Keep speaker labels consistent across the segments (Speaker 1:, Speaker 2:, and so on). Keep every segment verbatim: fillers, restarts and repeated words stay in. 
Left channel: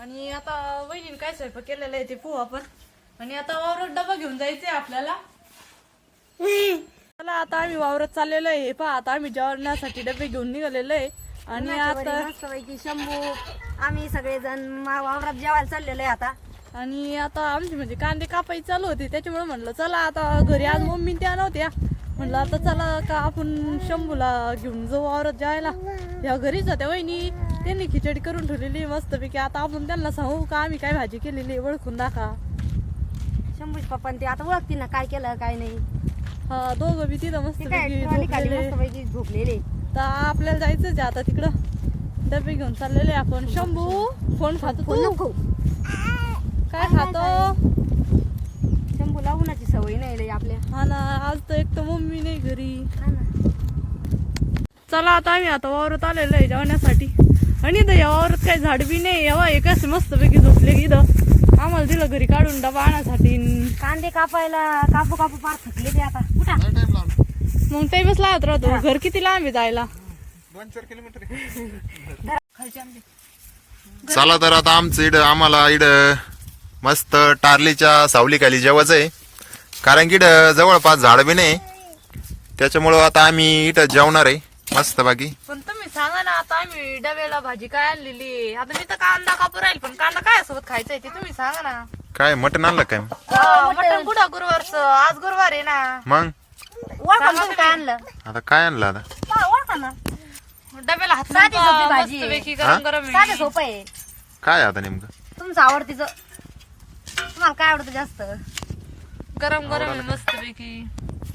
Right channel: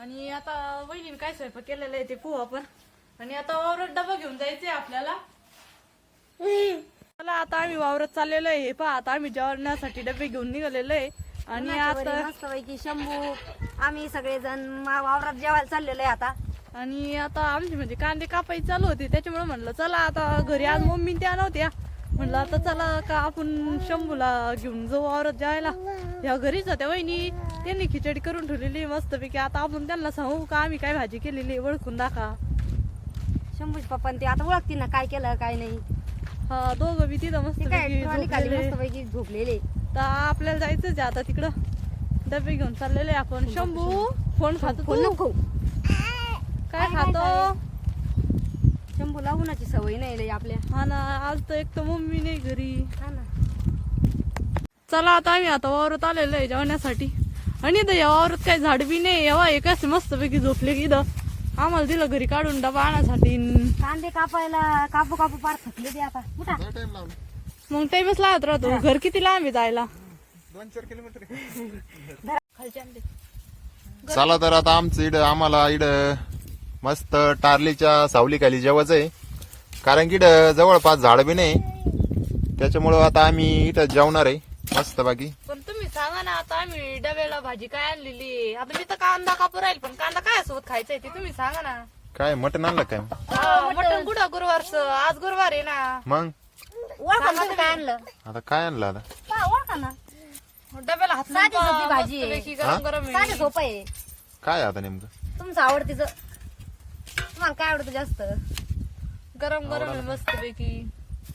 Speaker 1: आणि आता वहिनीने काय स्वयंपाक केलेला आहे ते पाहू आपण. आणि आता वावरात डबा घेऊन जायचंय आपल्याला. चला आता आम्ही वावरात चाललेलो आहे. पहा आता आम्ही जेवणासाठी डबे घेऊन निघालेलो आहे. आणि आता
Speaker 2: मस्तपैकी शंभू आम्ही सगळेजण वावरात जेवायला चाललेलो आहे आता.
Speaker 1: आणि आता आमची म्हणजे कांदे कापायची चालू होती, त्याच्यामुळे म्हणलं चला आता घरी आज मम्मी त्या नव्हत्या, म्हणलं आता चला का आपण शंभूला घेऊन जाऊ वावरात जायला. या घरीच होत्या वहिनी, त्यांनी खिचडी करून ठेवलेली मस्तपैकी. आता आपण त्यांना सांगू का आम्ही काय भाजी केलेली ओळखून दाखवा.
Speaker 2: शंभूच पप्पा ते आता ओळखतील ना काय केलं काय नाही.
Speaker 1: हा दोघं बी तिथं मस्तपैकी
Speaker 2: झोपलेले.
Speaker 1: तर आपल्याला जायचंच आहे आता तिकडं. डबे घेऊन चाललेले आपण. शंभू फोन खातो
Speaker 2: फोन नको.
Speaker 1: काय खातो?
Speaker 2: शंभूला उन्हाची सवय नाही आपल्या.
Speaker 1: हा ना, आज तर एक तर मम्मी नाही घरी.
Speaker 2: हा ना.
Speaker 1: चला आता आम्ही आता वावरात आलेलो आहे जेवण्यासाठी. आणि इथं या वावरात काही झाड बी नाही. एव्हा एक असे मस्तपैकी झोपले की इथं आम्हाला दिलं घरी काढून डबा आणण्यासाठी.
Speaker 2: कांदे कापायला कापू कापू पार थकले ते आता. कुठा
Speaker 1: मग टाइमच लागत राहतो. घर किती लांब आहे जायला?
Speaker 3: दोन चार किलोमीटर.
Speaker 4: चला तर आता आमचं इड आम्हाला इड मस्त टारलीच्या सावली खाली जेवायचं आहे. कारण की इड जवळपास झाड बी नाही, त्याच्यामुळं आता आम्ही इथं जेवणार आहे मस्त बाकी.
Speaker 1: पण तुम्ही सांगा ना, आता आम्ही डब्याला भाजी काय आणलेली आहे. आता मी तर कांदा कापू राहील, पण कांदा काय सोबत खायचंय ते तुम्ही सांगा ना.
Speaker 4: काय मटण आणलं काय?
Speaker 1: मटण कुठं गुरुवारचं? आज गुरुवार आहे ना.
Speaker 4: मग
Speaker 2: ओळखा ना तुम्ही काय आणलं.
Speaker 4: आता काय आणलं आता?
Speaker 2: पहा, ओळखा ना.
Speaker 1: डब्याला हात
Speaker 2: साधी सोपी भाजी आहे.
Speaker 1: मस्तपैकी गरम गरम आहे.
Speaker 2: साधं सोपं आहे.
Speaker 4: काय आता नेमकं?
Speaker 2: तुमचं आवडतीचं. तुम्हाला काय आवडतं जास्त?
Speaker 1: गरम गरम आहे मस्तपैकी.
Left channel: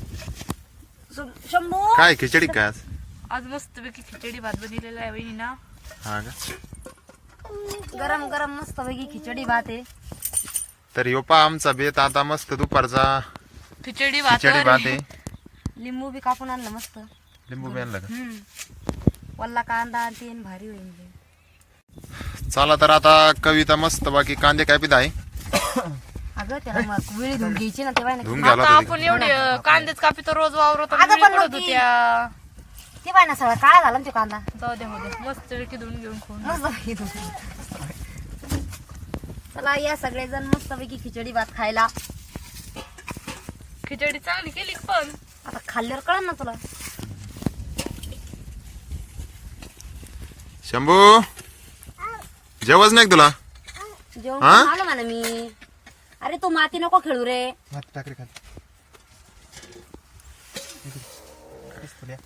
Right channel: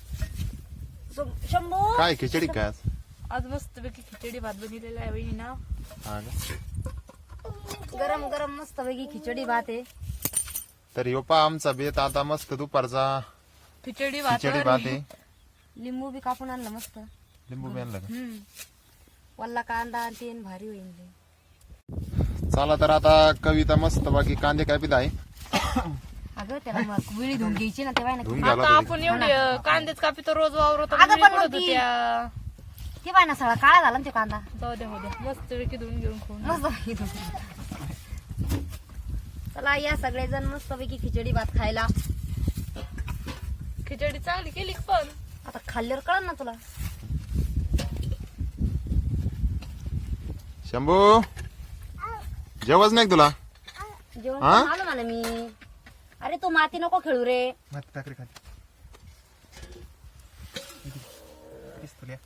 Speaker 2: शंभू
Speaker 4: काय खिचडी काय आज?
Speaker 1: आज मस्तपैकी खिचडी भात बनलेला आहे वहिनी ना.
Speaker 4: हा का?
Speaker 2: गरम गरम मस्त पैकी खिचडी भात आहे.
Speaker 4: तर यो पा आमचा बेत आता मस्त दुपारचा
Speaker 1: खिचडी भात
Speaker 4: खिचडी भात आहे.
Speaker 2: लिंबू बी कापून आणलं मस्त.
Speaker 4: लिंबू बी आणलं का?
Speaker 2: हम्म वल्ला कांदा आणि तेन भारी होईल ते.
Speaker 4: चला तर आता कविता मस्त बाकी कांदे कापीत आहे.
Speaker 2: अगं त्याला मग वेळी धुवून घ्यायची ना तेव्हा
Speaker 4: धुवून
Speaker 1: आता
Speaker 4: घ्यायला
Speaker 1: आपण एवढे कांदेच कापितो रोज वावरतो.
Speaker 2: अगं पण मग ती-
Speaker 1: होत्या.
Speaker 2: ते बाय ना सगळा काळा झाला ना तो कांदा.
Speaker 1: जाऊ द्या हो द्या मस्तपैकी धुवून घेऊन खाऊन.
Speaker 2: मस्त पैकी धुवून. चला या सगळेजण मस्त पैकी खिचडी भात खायला.
Speaker 1: खिचडी चांगली केली पण
Speaker 2: आता खाल्ल्यावर कळलं ना तुला.
Speaker 4: शंभू जेवच नाही का तुला?
Speaker 2: जेवण
Speaker 4: हा?
Speaker 2: करून आलो म्हणा मी. अरे तू माती नको खेळू रे.
Speaker 3: माती टाकली खाली. काहीच फुल्या.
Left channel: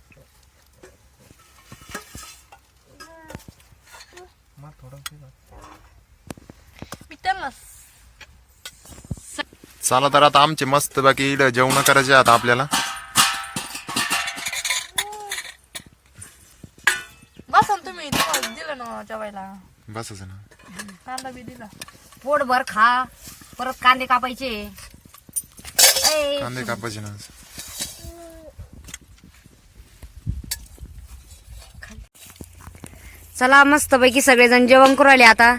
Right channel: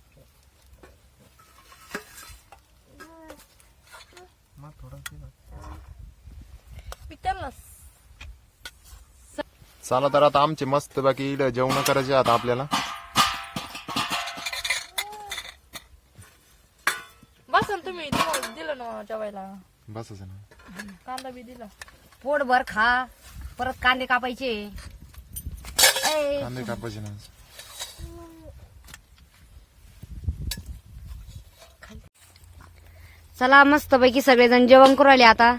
Speaker 3: मग थोडं ते बघ.
Speaker 1: मी त्यांना
Speaker 4: चला तर आता आमचे मस्त बाकी इड जेवण करायचे आता आपल्याला.
Speaker 1: बसन तुम्ही तुम्हाला दिलं ना जेवायला.
Speaker 4: बसच ना.
Speaker 1: कांदा बी दिला.
Speaker 2: पोटभर खा. परत कांदे कापायचे. ऐ,
Speaker 4: कांदे कापायचे ना.
Speaker 2: चला मस्त पैकी सगळेजण जेवण करू राहिले आता.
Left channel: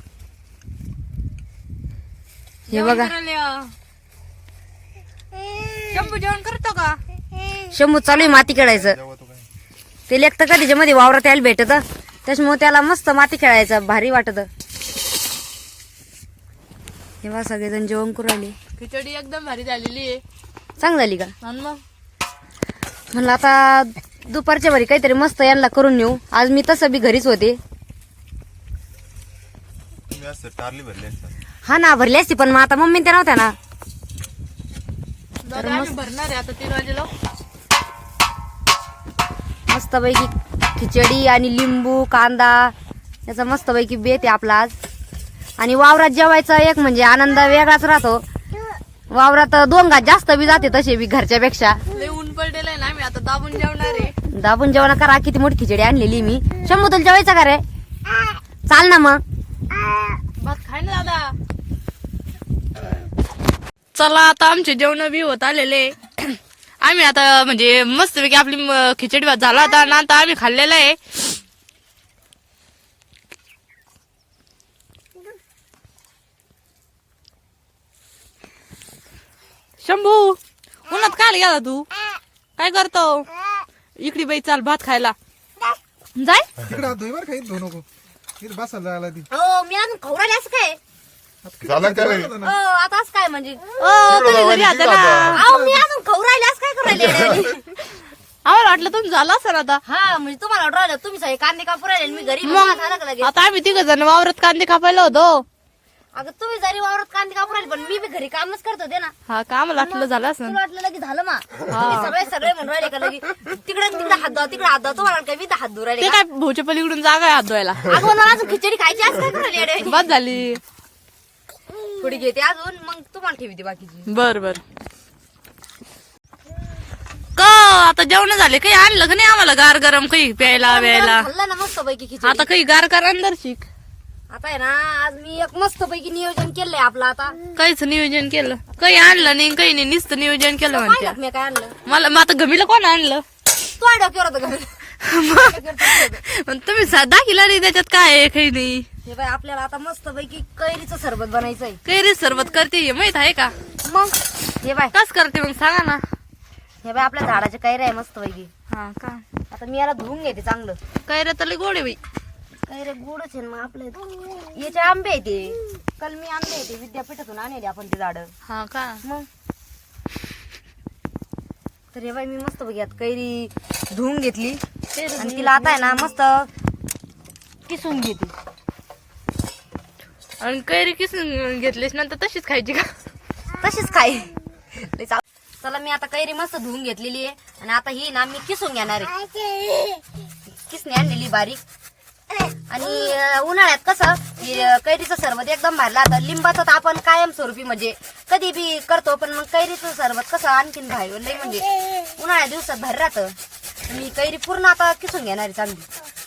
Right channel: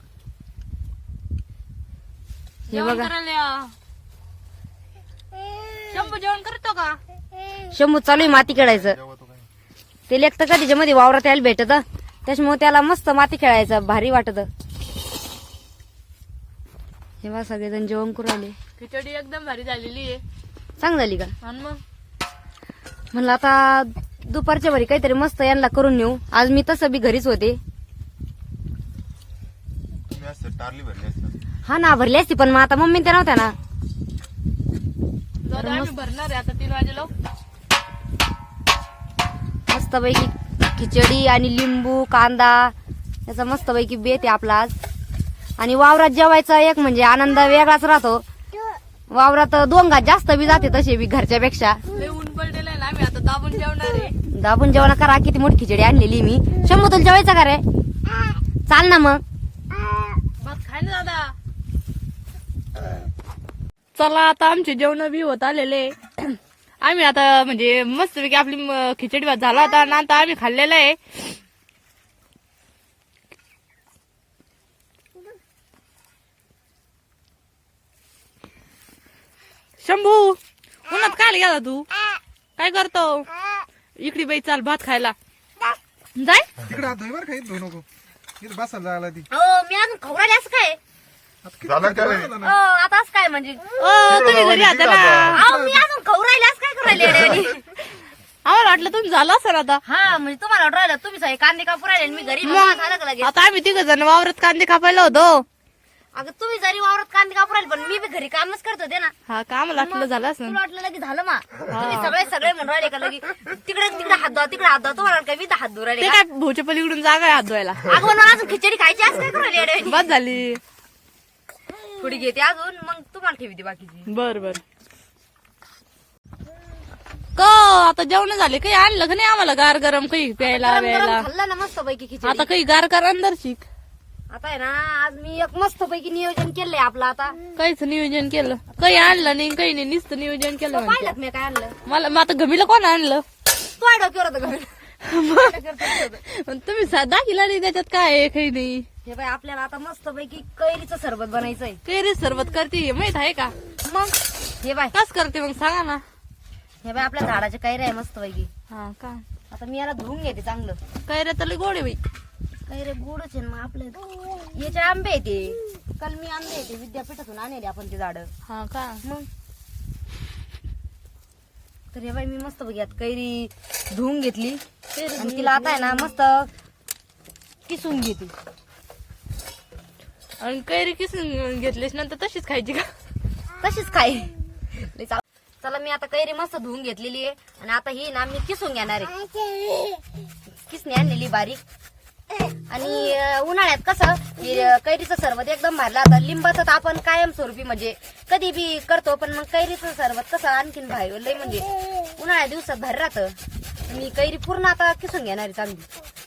Speaker 2: हे बघा
Speaker 1: शंभू जेवण करतो का?
Speaker 2: शंभू चालू आहे माती खेळायचं. ते लेख तर कधीच्या मध्ये वावरात यायला भेटत, त्याच्यामुळे त्याला मस्त माती खेळायचं भारी वाटत. हे बघा सगळेजण जेवण करू राहिले.
Speaker 1: खिचडी एकदम भारी झालेली आहे.
Speaker 2: चांग झाली का?
Speaker 1: आणि मग
Speaker 2: म्हणलं आता दुपारच्या भरी काहीतरी मस्त यांना करून नेऊ. आज मी तसं बी घरीच होते.
Speaker 4: तुम्ही असं टारली भरली असतात.
Speaker 2: हा ना भरली असती, पण मग आता मम्मी त्या नव्हत्या ना.
Speaker 1: जाऊ दे, आम्ही भरणार आहे आता तीन वाजेला.
Speaker 2: मस्त पैकी खिचडी आणि लिंबू कांदा याचा मस्त पैकी बेत आहे आपला आज. आणि वावरात जेवायचा एक म्हणजे आनंद वेगळाच राहतो. वावरात दोन घात जास्त बी जाते तसे बी घरच्या पेक्षा.
Speaker 1: लय ऊन पडलेलं आहे ना, आम्ही आता दाबून जेवणार आहे.
Speaker 2: दाबून जेवण करा. किती मोठी खिचडी आणलेली मी. शंभू तुला जेवायचं का रे? चाल ना मग.
Speaker 1: भात खाय ना दादा. चला आता आमचे जेवण बी होत आलेले. आम्ही आता म्हणजे मस्तपैकी आपली म- खिचडी भात झाला होता ना, आता आम्ही खाल्लेला आहे. शंभू उन्हात काय गेला तू? काय करतो? इकडे बाई चाल भात खायला. जाय
Speaker 3: तिकडे हात धुई बरं, काही धुवू नको. तिथे बसायला जायला ती
Speaker 2: हो मी अजून खवराले असं काय
Speaker 4: झालं का रे?
Speaker 2: हो आता असं काय म्हणजे
Speaker 1: ओ तुम्ही घरी आता ना
Speaker 2: अहो मी अजून खवरायले असं काय करू राहिले येड्यावानी?
Speaker 1: आम्हाला वाटलं तुम्ही झालं असं आता
Speaker 2: हा म्हणजे तुम्हाला वाटू राहिलं तुम्ही सगळे कांदे कापू राहिले आणि मी घरी मग झालं का लगेच
Speaker 1: आता आम्ही तिघ जण वावरात कांदे कापायला होतो
Speaker 2: अगं तुम्ही जरी वावरात कांदे कापू राहिले पण मी बी घरी कामच करत होते ना
Speaker 1: हा का आम्हाला वाटलं झालं असं
Speaker 2: तुला वाटलं लगे झालं मा सगळे सगळे म्हणून राहिले का लगे तिकडे तिकडे हात धुवा तिकडे हात धुवा तुम्हाला काय मी तर हात धुवा
Speaker 1: ते
Speaker 2: राहिले
Speaker 1: काय भाऊच्या पलीकडून जागा आहे हात धुवायला
Speaker 2: अगं मला अजून खिचडी खायची असं काय करू राहिले येड्यावानी?
Speaker 1: बस झाली
Speaker 2: थोडी घेते अजून मग तुम्हाला ठेवते बाकीची
Speaker 1: बर बर का आता जेवण झाले काही आणलं का नाही आम्हाला गार गरम काही प्यायला प्यायला
Speaker 2: खाल्लं ना मस्त पैकी खिचडी
Speaker 1: आता काही गार कर अंदर शिक
Speaker 2: आता आहे ना आज मी एक मस्त पैकी नियोजन केलंय आपलं आता
Speaker 1: काहीच नियोजन केलं काही आणलं नाही काही नाही नुसतं नियोजन केलं म्हणते
Speaker 2: पाहिलं मी काय आणलं
Speaker 1: मला मग आता गमीला कोण आणलं
Speaker 2: तू आहे डोक्यावर होतं घरी.
Speaker 1: पण तुम्ही साधा दाखिला नाही त्याच्यात काय आहे काही नाही
Speaker 2: हे बाय आपल्याला आता मस्त पैकी कैरीचं सरबत बनायचंय
Speaker 1: कैरी सरबत करते हे माहित आहे का
Speaker 2: मग हे बाय
Speaker 1: कस करते मग सांगा ना
Speaker 2: हे बाय आपल्या झाडाच्या कैरी आहे मस्त पैकी
Speaker 1: हा का
Speaker 2: आता मी याला धुवून घेते चांगलं
Speaker 1: कैऱ्या तर लय गोड आहे बाई
Speaker 2: कैरे गोडच आहे ना मग आपले याचे आंबे आहे ते काल मी आंबे आहे ते विद्यापीठातून आणले आपण ते झाड
Speaker 1: हा का
Speaker 2: मग तर हे बाई मी मस्त बघियात कैरी धुवून घेतली आणि तिला आता आहे ना मस्त किसून घेते
Speaker 1: आणि कैरी किसून घेतलीस नंतर तशीच खायची का
Speaker 2: तशीच खाई लई चाव- चला मी आता कैरी मस्त धुवून घेतलेली आहे आणि आता ही ना मी किसून घेणार आहे किसणी आणलेली बारीक आणि अं, उन्हाळ्यात कसं की, अं, कैरीचं सरबत एकदम भारी लागतं लिंबाचं तर आपण कायमस्वरूपी म्हणजे कधी बी करतो पण मग कैरीचं सरबत कसं आणखीन भारी लई म्हणजे उन्हाळ्या दिवसात भारी राहतं मी कैरी पूर्ण आता किसून घेणार आहे चांगली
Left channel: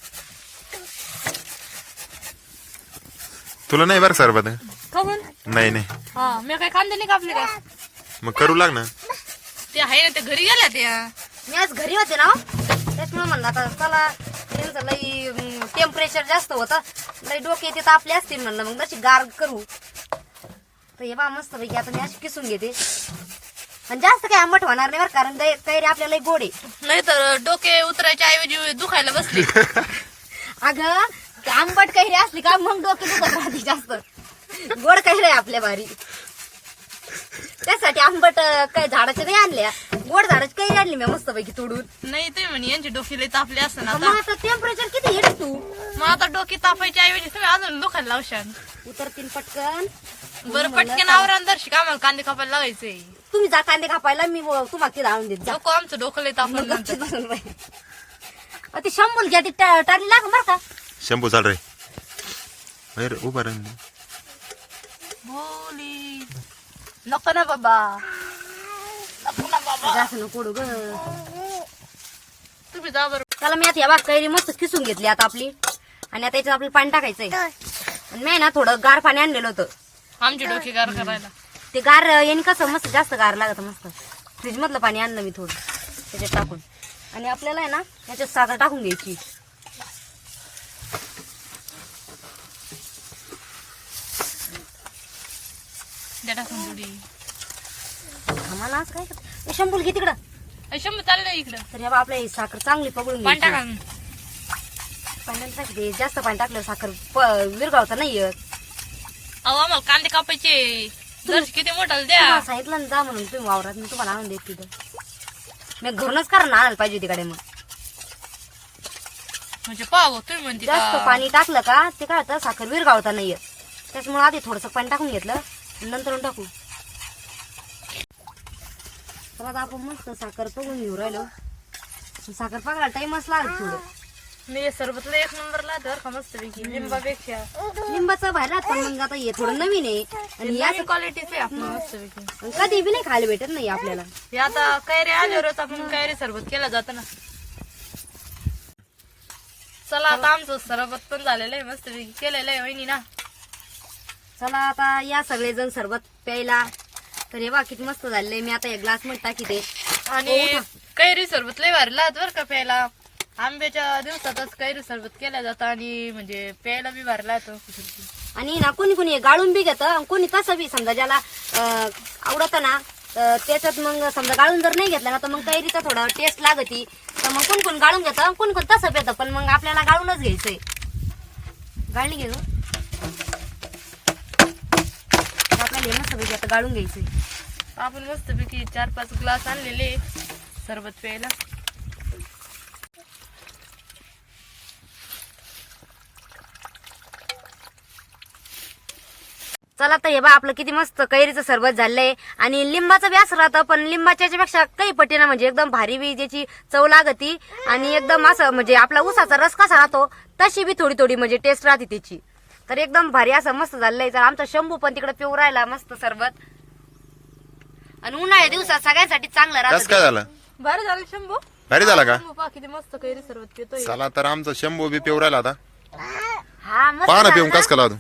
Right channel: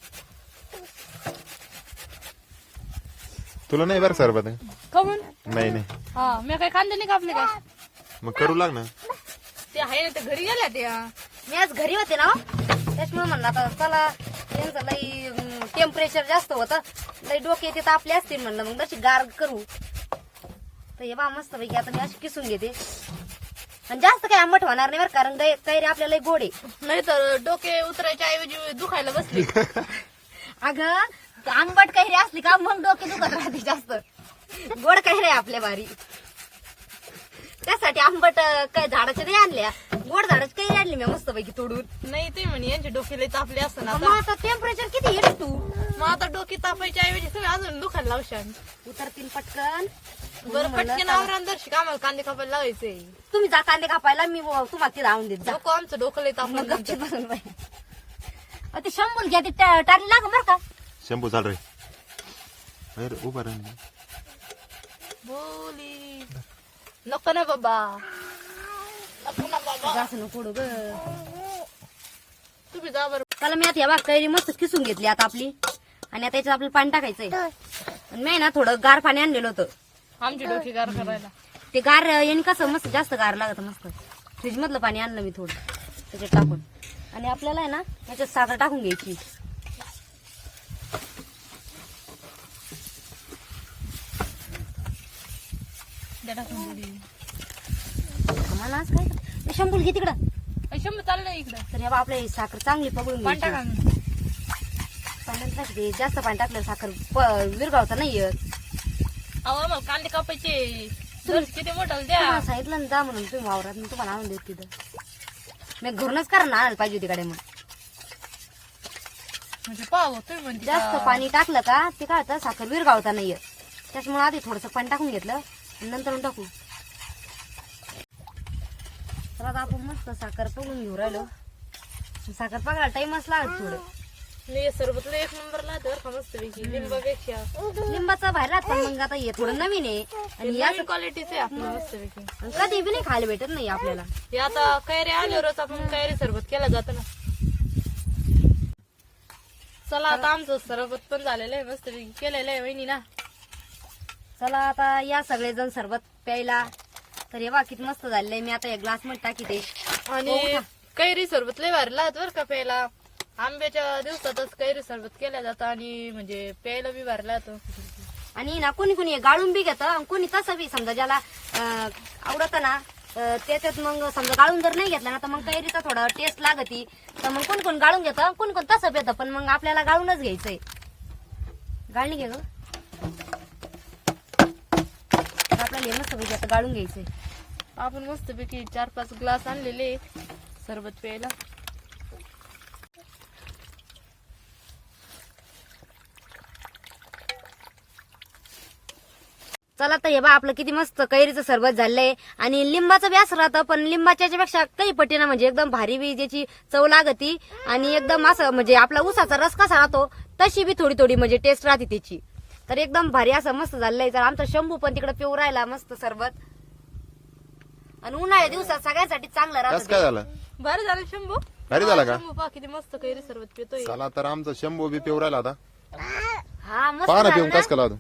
Speaker 4: तुला नाही बरं सरबत
Speaker 1: खाऊन
Speaker 4: नाही नाही
Speaker 1: हा मी काही कांदे नाही कापले का
Speaker 4: मग करू लाग ना
Speaker 1: ते आहे ना ते घरी गेल्या त्या
Speaker 2: मी आज घरी होते ना हो. त्याच्यामुळे म्हणलं आता चला त्यांचं लई टेम्परेचर जास्त होतं लई डोके ते तापले असतील म्हणलं मग तशी गार करू तर हे बा मस्त पैकी आता मी अशी किसून घेते आणि जास्त काही आंबट होणार नाही बरं कारण दै- कैरी आपल्याला लई गोड आहे
Speaker 1: नाही तर डोके उतरायच्या ऐवजी दुखायला बसली
Speaker 2: अगं ते आंबट कैरी असली का मग डोके दुखत राहते जास्त गोड कैरी आहे आपल्या भारी त्यासाठी आंबट अं, काय झाडाच्या नाही आणल्या गोड झाडाची कैरी आणली मी मस्त पैकी तोडून
Speaker 1: नाही ते म्हणे यांचे डोके लय तापले असं ना
Speaker 2: मग
Speaker 1: आता
Speaker 2: आता टेम्परेचर किती येते तू
Speaker 1: मग आता डोके तापायच्या ऐवजी तुम्ही अजून दुखायला लावशाल
Speaker 2: उतरतील पटकन
Speaker 1: बरं पटकन आवर अंदर शिका आम्हाला कांदे कापायला लागायचंय
Speaker 2: तुम्ही जा कांदे कापायला मी व- तुम्हाला तिला आणून देत जा
Speaker 1: नको आमचं डोकं लय
Speaker 2: मग
Speaker 1: तापलं
Speaker 2: गपचीत बसून बाई. अ, ते शंभूल घ्या ती टा- टाकली लाग बरं का
Speaker 4: शंभू चाल रे अरे उभा राहील
Speaker 1: बोली नको ना बाबा नको ना बाबा
Speaker 2: जास्त नको ग
Speaker 1: तुम्ही जा बरं
Speaker 2: चला मी आता या बाग कैरी मस्त किसून घेतली आता आपली आणि आता याच्यात आपलं पाणी टाकायचंय आणि मी ना थोडं गार पाणी आणलेलं होतं
Speaker 1: आमचे डोके गार करायला
Speaker 2: ते गार याने कसं मस्त जास्त गार लागत मस्त फ्रीज मधलं पाणी आणलं मी थोडं त्याच्यात टाकून आणि आपल्याला आहे ना याच्यात साखर टाकून घ्यायची
Speaker 1: द्या टाकून थोडी
Speaker 2: आम्हाला आज काय ए, शंभूल घे तिकडं
Speaker 1: अय, शंभू चाललं इकडं
Speaker 2: तर या बा आपल्या ही साखर चांगली पकडून
Speaker 1: पाणी
Speaker 2: घ्यायची
Speaker 1: टाका
Speaker 2: पाण्यात टाकते जास्त पाणी टाकलं साखर प- विरघळता नाही येत
Speaker 1: अहो आम्हाला कांदे कापायचे दर्श किती मोठाला द्या
Speaker 2: तुम्हाला सांगितलं ना जा म्हणून तुम्ही वावरात मी तुम्हाला आणून देत तिथं मी घरूनच कारण आणायला पाहिजे तिकडे मग
Speaker 1: म्हणजे पाव तुम्ही म्हणते
Speaker 2: जास्त
Speaker 1: का?
Speaker 2: पाणी टाकलं का ते काय होतं साखर विरघळता नाही येत त्याच्यामुळे आधी थोडंसं पाणी टाकून घेतलं आणि नंतर टाकू तर आता आपण मस्त साखर पकडून घेऊ राहिलो साखर पकडायला टाइमच लागत थोडं
Speaker 1: मी हे सरबतला एक नंबर लागतं बरं का मस्त पैकी लिंबापेक्षा
Speaker 2: लिंबाचं बाहेर राहत पण मग आता हे थोडं नवीन आहे आणि या
Speaker 1: याची क्वालिटीच आहे आपलं मस्त पैकी
Speaker 2: आणि कधी बी नाही खायला भेटत नाही आपल्याला
Speaker 1: हे आता कैरी आल्यावरच आपण कैरी सरबत केलं जातं ना चला आता आमचं सरबत पण झालेलं आहे मस्त पैकी केलेलं आहे वहिनी ना
Speaker 2: चला आता या सगळेजण सरबत प्यायला तर हे बा किती मस्त झालेलं आहे मी आता एक ग्लास मध्ये टाकीते
Speaker 1: आणि कैरी सरबत लय भारी लागत बरं का प्यायला आंब्याच्या दिवसातच कैरी सरबत केलं जातं आणि म्हणजे प्यायला बी भारी लागतं
Speaker 2: आणि ना कोणी कोणी गाळून बी घेतं आणि कोणी तसं बी समजा ज्याला अं, आवडतं ना तर त्याच्यात मग समजा गाळून जर नाही घेतलं ना तर मग कैरीचा थोडा टेस्ट लागती तर मग कोण कोण गाळून घेतं कोण कोण तसं पेतं पण मग आपल्याला गाळूनच घ्यायचंय गाळणी घे ग. आपल्याला हे मस्त पैकी आता गाळून घ्यायचंय.
Speaker 1: आपण मस्तपैकी चार पाच ग्लास आणलेले सरबत प्यायला.
Speaker 2: चला तर हे बा आपलं किती मस्त कैरीचं सरबत झालंय. आणि लिंबाचं बी असं राहतं, पण लिंबाच्या पेक्षा काही पटीनं म्हणजे एकदम भारी बी त्याची चव लागती. आणि एकदम असं म्हणजे आपला उसाचा रस कसा राहतो तशी बी थोडी थोडी म्हणजे टेस्ट राहते त्याची. तर एकदम भारी असं मस्त झालंय. तर आमचा शंभू पण तिकडे पिऊ राहिला मस्त सरबत. आणि उन्हाळ्या दिवसात सगळ्यांसाठी चांगलं
Speaker 4: कस
Speaker 2: राहतं.
Speaker 4: काय झालं?
Speaker 1: भारी झालं शंभू.
Speaker 4: भारी झाला का?
Speaker 1: शंभू पहा किती मस्त कैरी सरबत पितोय.
Speaker 4: चला तर आमचा शंभू बी पिऊ राहिला आता.
Speaker 2: हा मस्त
Speaker 4: पहा ना
Speaker 2: झालं
Speaker 4: पिऊन
Speaker 2: ना?
Speaker 4: कस का तू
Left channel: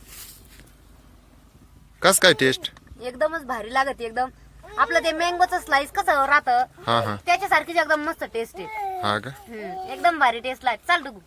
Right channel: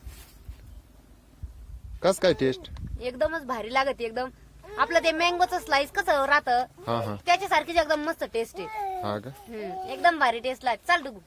Speaker 4: कस काय टेस्ट?
Speaker 2: एकदमच भारी लागत एकदम. आपलं ते मँगोचं स्लाइस कसं राहतं
Speaker 4: हा हा
Speaker 2: त्याच्यासारखीच एकदम मस्त टेस्ट आहे.
Speaker 4: हा का?
Speaker 2: हम्म, एकदम भारी टेस्ट लागते. चल डुगू.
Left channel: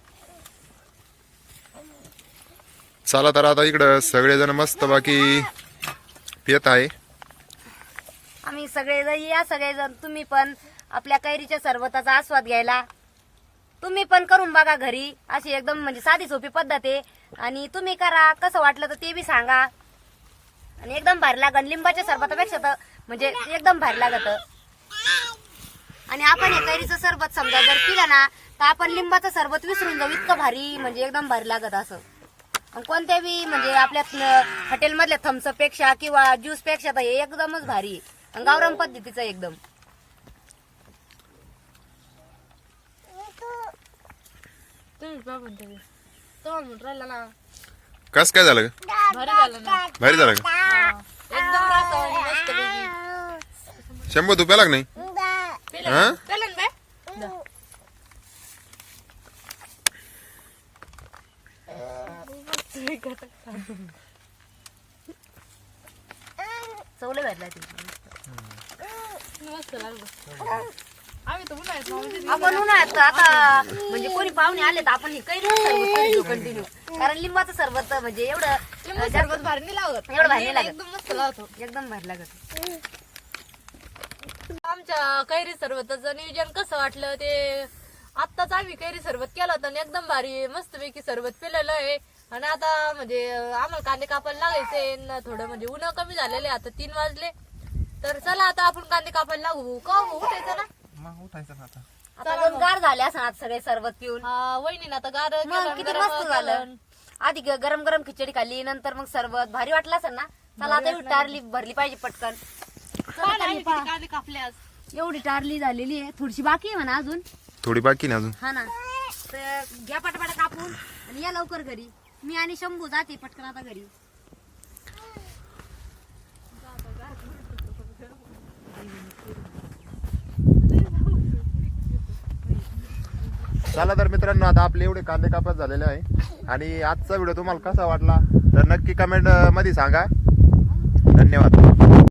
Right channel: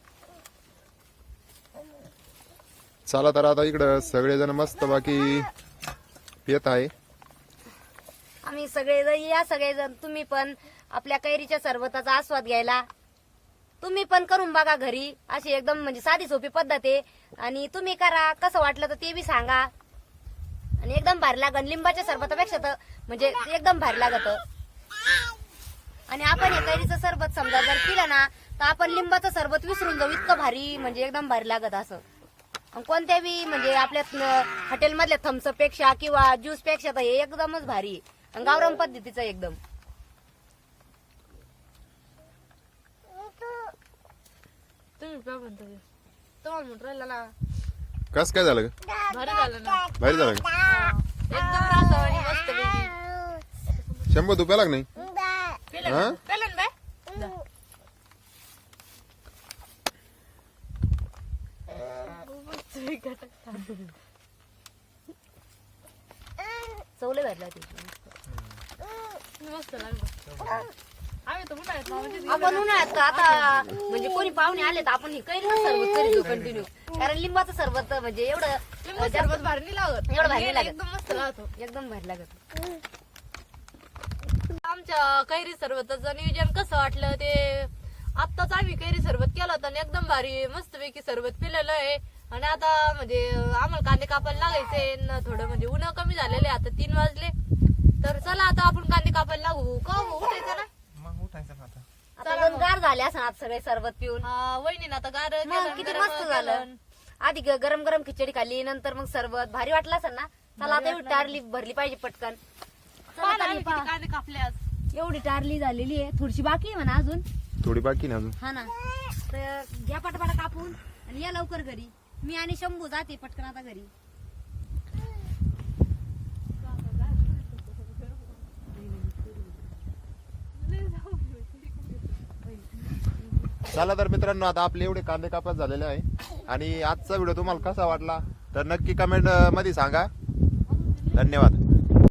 Speaker 4: चला तर आता इकडं सगळेजण मस्त बाकी पियत आहे.
Speaker 2: आम्ही सगळेजण या सगळेजण तुम्ही पण आपल्या कैरीच्या सरबताचा आस्वाद घ्यायला तुम्ही पण करून बघा घरी. अशी एकदम म्हणजे साधी सोपी पद्धत आहे. आणि तुम्ही करा, कसं वाटलं तर ते बी सांगा. आणि एकदम भारी लागत. लिंबाच्या सरबतापेक्षा तर म्हणजे एकदम भारी लागत. आणि आपण हे कैरीचं सरबत समजा जर पिलं ना तर आपण लिंबाचं सरबत विसरून जाऊ. इतकं भारी म्हणजे एकदम भारी लागत असं. आणि कोणत्या बी म्हणजे आपल्या हॉटेलमधल्या थम्सअप पेक्षा किंवा ज्यूस पेक्षा तर हे एकदमच भारी आहे. आणि गावरान पद्धतीचं एकदम.
Speaker 1: तुम्ही पहा म्हणते तुम्हाला म्हणून राहिला ना.
Speaker 4: कस काय झालं ग?
Speaker 1: भारी झालं ना.
Speaker 4: भारी झालं का?
Speaker 1: एकदम रसावानी मस्त पैकी.
Speaker 4: शंभू तू प्याला का नाही? हा?
Speaker 1: पेलं ना बाय?
Speaker 2: चवले भेटला ते.
Speaker 1: मस्त लागलं. आम्ही तर उन्हाळ्यात मावशीत
Speaker 2: आपण उन्हाळ्यात आता म्हणजे कोणी पाहुणे आले तर आपण हे कैरी सरबत करीतो कंटिन्यू. कारण लिंबाचं सरबत म्हणजे एवढं
Speaker 1: लिंबू सरबत भारी नाही लागत.
Speaker 2: एवढं भारी नाही लागत.
Speaker 1: एकदम मस्त लागतो.
Speaker 2: एकदम भारी लागत.
Speaker 1: आमच्या कैरी सरबताचं नियोजन कसं वाटलं ते आत्ताच आम्ही कैरी सरबत केलं होतं आणि एकदम भारी मस्तपैकी सरबत पिलेलं आहे. आणि आता म्हणजे आम्हाला कांदे कापायला लागायचे न थोडं म्हणजे उन्हा कमी झालेले. आता तीन वाजले तर चला आता आपण कांदे कापायला लागू. का हो, उठायचं ना.
Speaker 3: मग उठायचं ना आता.
Speaker 2: आता एकदम गार झाले असं आज सगळे सरबत पिऊन.
Speaker 1: हा वहिनी आता गार
Speaker 2: मग
Speaker 1: केलं,
Speaker 2: किती
Speaker 1: गरम
Speaker 2: मस्त झालं.
Speaker 1: केलं.
Speaker 2: आधी ग- गरम गरम खिचडी खाल्ली नंतर मग सरबत भारी वाटलं असं ना. चला आता एवढी टारली भरली पाहिजे पटकन. चला
Speaker 1: पहा ना,
Speaker 2: ताई,
Speaker 1: आम्ही
Speaker 2: पहा.
Speaker 1: किती कांदे कापले आज.
Speaker 2: एवढी टारली झालेली आहे. थोडीशी बाकी आहे म्हणा अजून.
Speaker 4: थोडी बाकी ना अजून.
Speaker 2: हा ना. तर घ्या पटापट कापून आणि या लवकर घरी. मी आणि शंभू जाते पटकन आता घरी.
Speaker 4: चला तर मित्रांनो आता आपले एवढे कांदे कापत झालेले आहे. आणि आजचा व्हिडिओ तुम्हाला कसा वाटला तर नक्की कमेंट मध्ये सांगा. धन्यवाद.